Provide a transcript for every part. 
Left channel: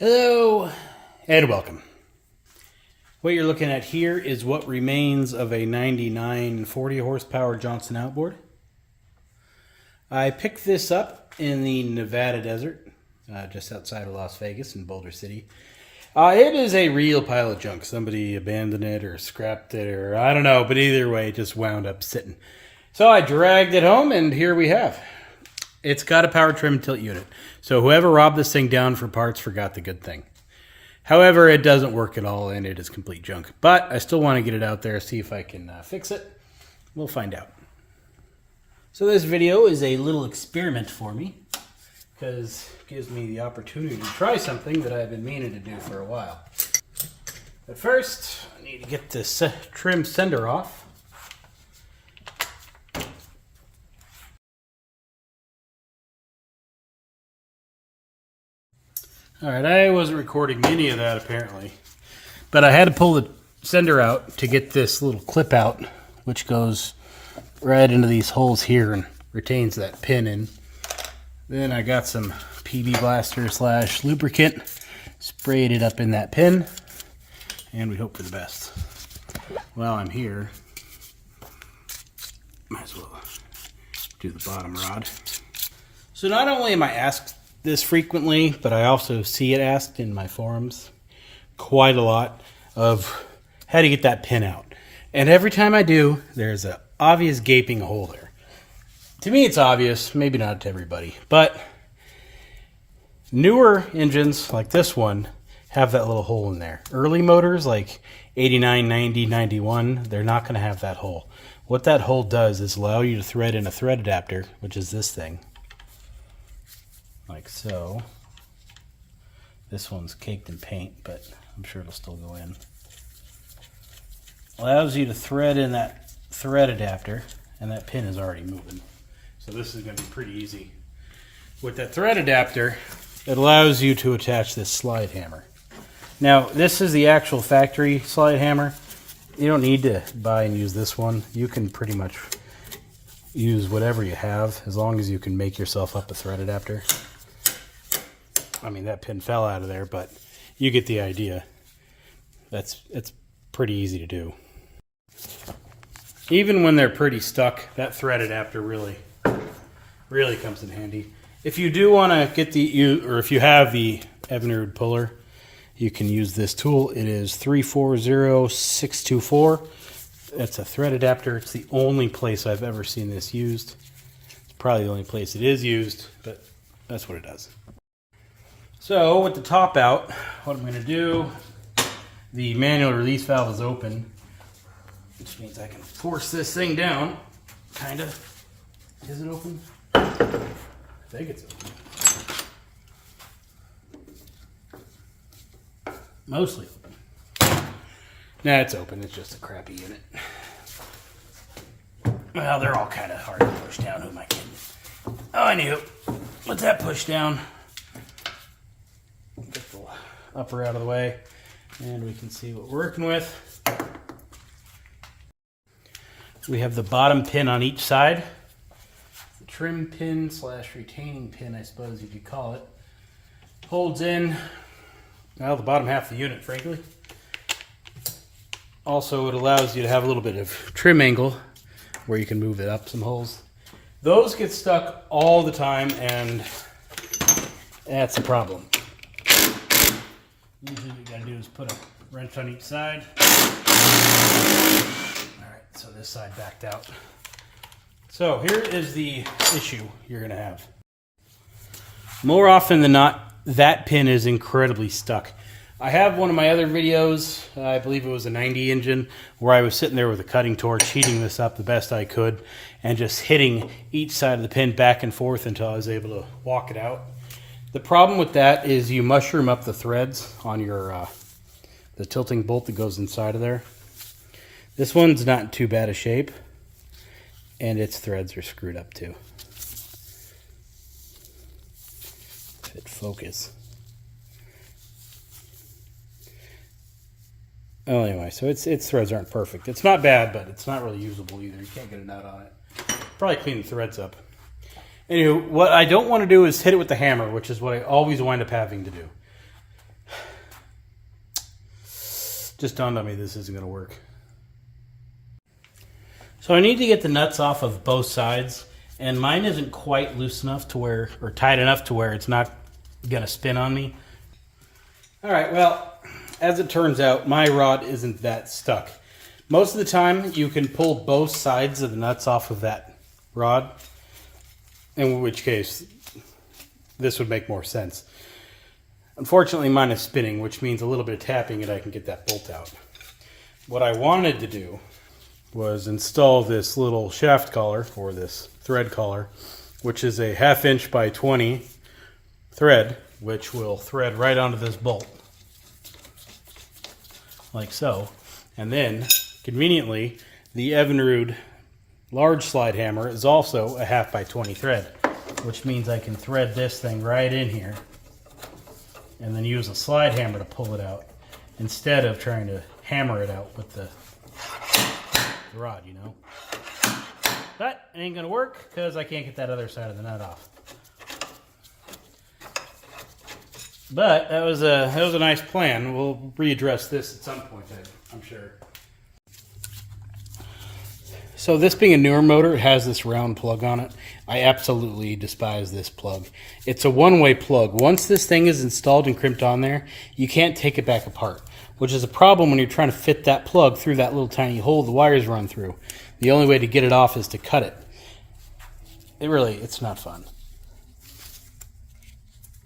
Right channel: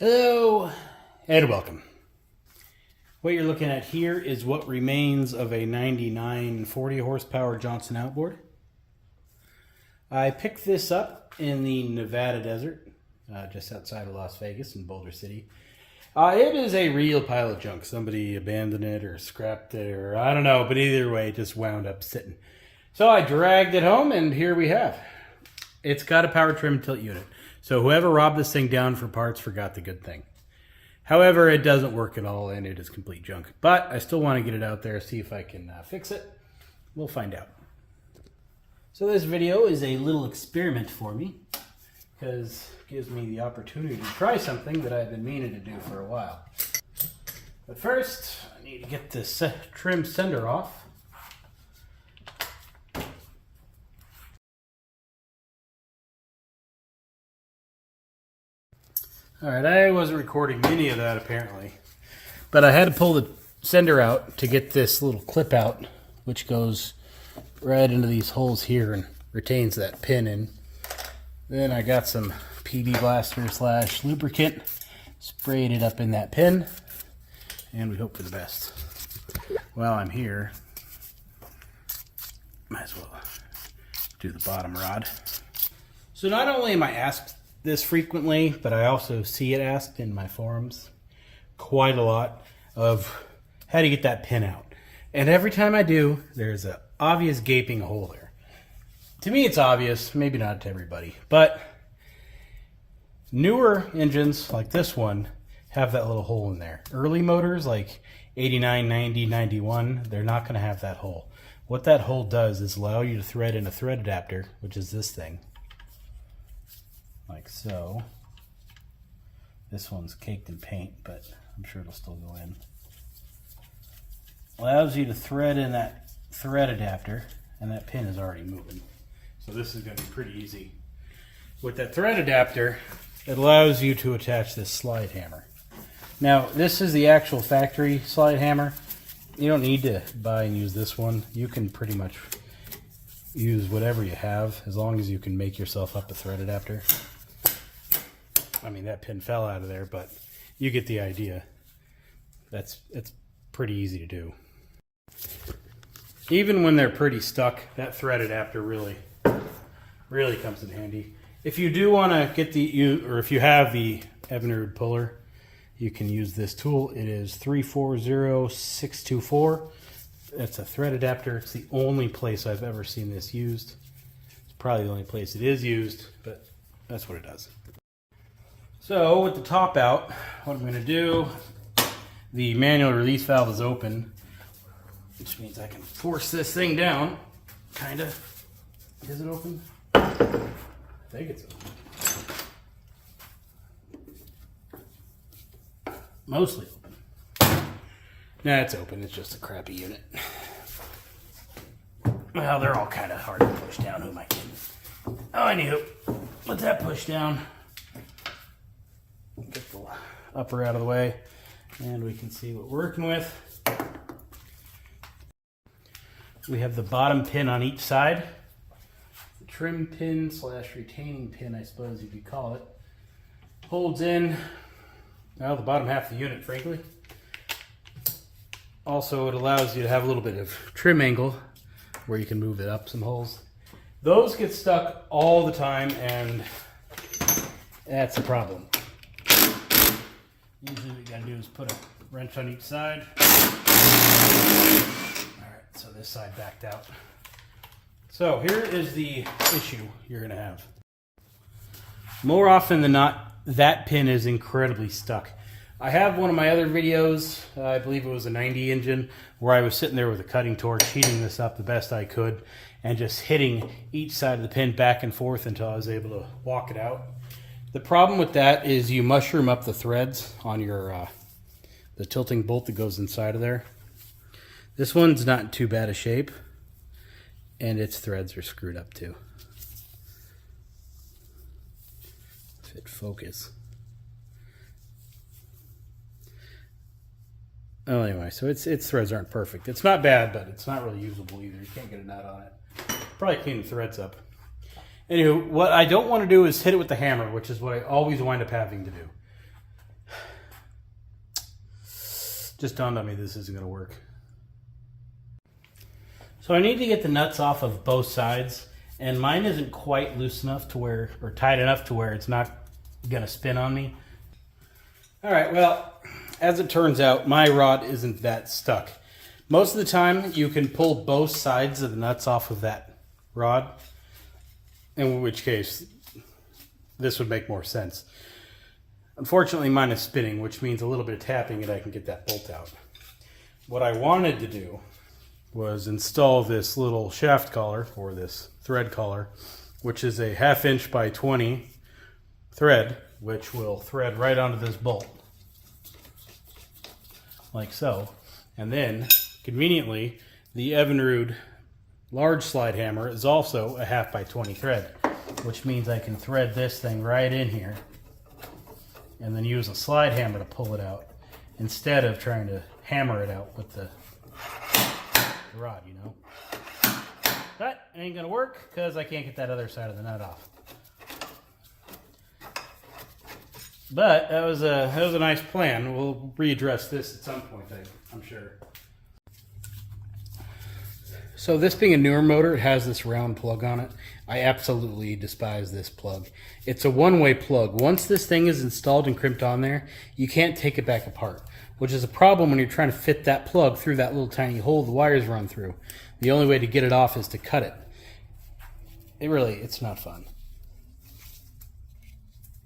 Hello and welcome. What you're looking at here is what remains of a 99 40 horsepower Johnson outboard. I picked this up in the Nevada desert, just outside of Las Vegas in Boulder City. It is a real pile of junk. Somebody abandoned it or scrapped it or I don't know, but either way it just wound up sitting. So I dragged it home and here we have. It's got a power trim and tilt unit. So whoever robbed this thing down for parts forgot the good thing. However, it doesn't work at all and it is complete junk. But I still want to get it out there, see if I can fix it. We'll find out. So this video is a little experiment for me because it gives me the opportunity to try something that I've been meaning to do for a while. But first, I need to get this trim sender off. Alright, I wasn't recording any of that apparently, but I had to pull the sender out to get this little clip out, which goes right into these holes here and retains that pin in. Then I got some PB blaster / lubricant, sprayed it up in that pin, and we hope for the best. While I'm here, might as well do the bottom rod. So not only am I asked this frequently, but I also see it asked in my forums quite a lot of how to get that pin out. And every time I do, there's an obvious gaping hole there. To me it's obvious, maybe not to everybody, but newer engines like this one have that little hole in there. Early motors like 89, 90, 91, they're not going to have that hole. What that hole does is allow you to thread in a thread adapter, which is this thing. Like so. This one's caked in paint, but I'm sure it'll still go in. Allows you to thread in that thread adapter, and that pin is already moving. So this is going to be pretty easy. With that thread adapter, it allows you to attach this slide hammer. Now, this is the actual factory slide hammer. You don't need to buy and use this one. You can pretty much use whatever you have, as long as you can make yourself up a thread adapter. I mean, that pin fell out of there, but you get the idea. It's pretty easy to do. Even when they're pretty stuck, that thread adapter really comes in handy. If you do want to get if you have the Evinrude puller, you can use this tool. It is 340624. It's a thread adapter. It's the only place I've ever seen this used. It's probably the only place it is used, but that's what it does. So with the top out, what I'm going to do, the manual release valve is open, which means I can force this thing down, kind of. Is it open? I think it's open. Mostly open. Nah, it's open. It's just a crappy unit. Well, they're all kind of hard to push down. Who am I kidding? Oh, anywho, let that push down. Get the upper out of the way, and we can see what we're working with. We have the bottom pin on each side. The trim pin / retaining pin, I suppose you could call it. Holds in, well, the bottom half of the unit, frankly. Also, it allows you to have a little bit of trim angle where you can move it up some holes. Those get stuck all the time, and that's a problem. Usually what you gotta do is put a wrench on each side. Alright, so this side backed out. So here is the issue you're gonna have. More often than not, that pin is incredibly stuck. I have one of my other videos, I believe it was a 90 engine, where I was sitting there with a cutting torch, heating this up the best I could, and just hitting each side of the pin back and forth until I was able to walk it out. The problem with that is you mushroom up the threads on your the tilting bolt that goes inside of there. This one's not in too bad a shape, and its threads are screwed up too. If it focus. Oh, anyway, so its threads aren't perfect. It's not bad, but it's not really usable either. You can't get a nut on it. Probably clean the threads up. Anyway, what I don't want to do is hit it with the hammer, which is what I always wind up having to do. Just dawned on me this isn't going to work. So I need to get the nuts off of both sides, and mine isn't quite loose enough to where, or tight enough to where it's not going to spin on me. All right, well, as it turns out, my rod isn't that stuck. Most of the time, you can pull both sides of the nuts off of that rod, in which case, this would make more sense. Unfortunately, mine is spinning, which means a little bit of tapping and I can get that bolt out. What I wanted to do was install this little shaft collar, or this thread collar, which is a 1/2 inch by 20 thread, which will thread right onto this bolt, like so. And then, conveniently, the Evinrude large slide hammer is also a 1/2 by 20 thread, which means I can thread this thing right in here and then use a slide hammer to pull it out instead of trying to hammer it out with the rod, you know. That ain't gonna work because I can't get that other side of the nut off. But that was a nice plan. We'll readdress this at some point, I'm sure. So this being a newer motor, it has this round plug on it. I absolutely despise this plug. It's a one-way plug. Once this thing is installed and crimped on there, you can't take it back apart, which is a problem when you're trying to fit that plug through that little tiny hole the wires run through. The only way to get it off is to cut it. It's not fun.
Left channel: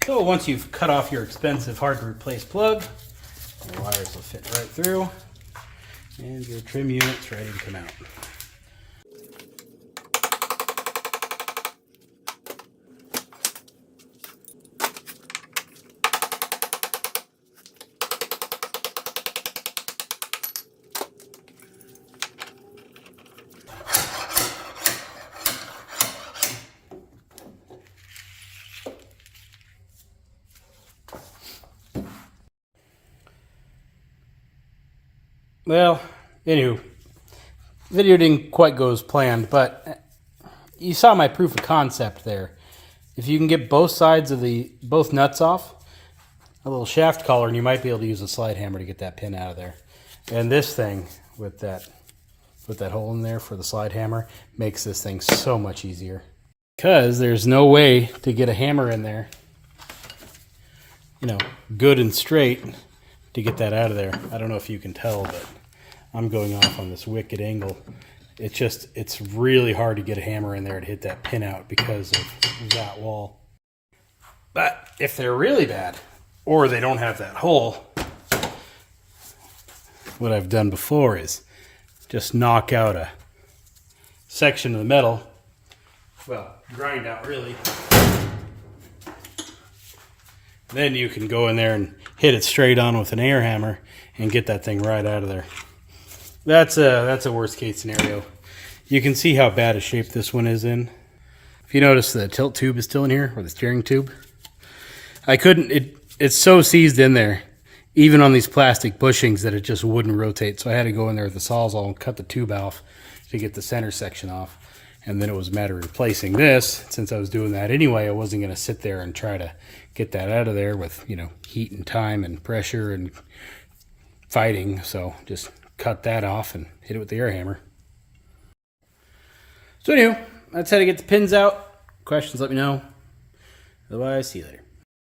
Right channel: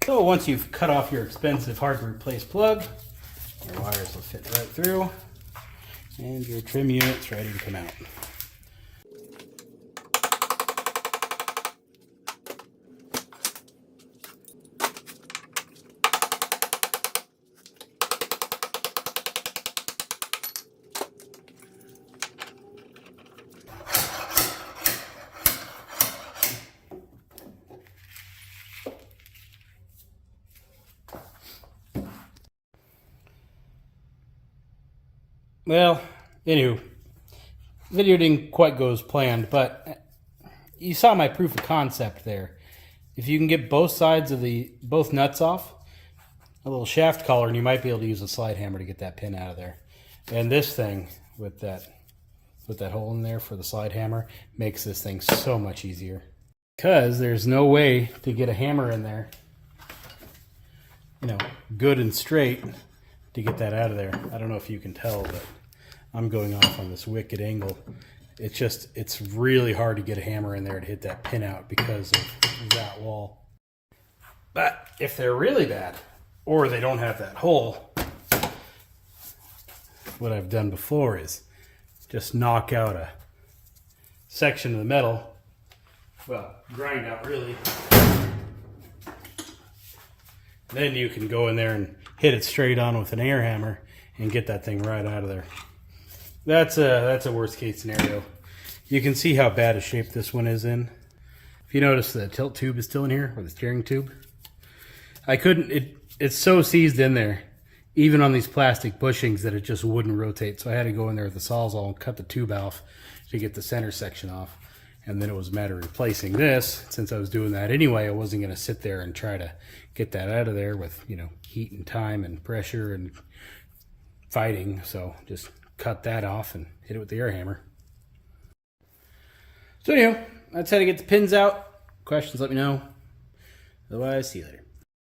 So once you've cut off your expensive, hard to replace plug, your wires will fit right through and your trim unit's ready to come out. Well, anywho, video didn't quite go as planned, but you saw my proof of concept there. If you can get both sides of both nuts off, a little shaft collar, and you might be able to use a slide hammer to get that pin out of there. And this thing with that hole in there for the slide hammer makes this thing so much easier, because there's no way to get a hammer in there, you know, good and straight to get that out of there. I don't know if you can tell, but I'm going off on this wicked angle. It's really hard to get a hammer in there to hit that pin out because of that wall. But if they're really bad, or they don't have that hole, what I've done before is just knock out a section of the metal, well, grind out really. Then you can go in there and hit it straight on with an air hammer and get that thing right out of there. That's a worst case scenario. You can see how bad a shape this one is in. If you notice, the tilt tube is still in here, or the steering tube. It's so seized in there, even on these plastic bushings, that it just wouldn't rotate. So I had to go in there with the Sawzall and cut the tube off to get the center section off. And then it was a matter of replacing this. Since I was doing that anyway, I wasn't going to sit there and try to get that out of there with, you know, heat and time and pressure and fighting. So just cut that off and hit it with the air hammer. So anyway, that's how to get the pins out. Questions, let me know. Otherwise, see you later.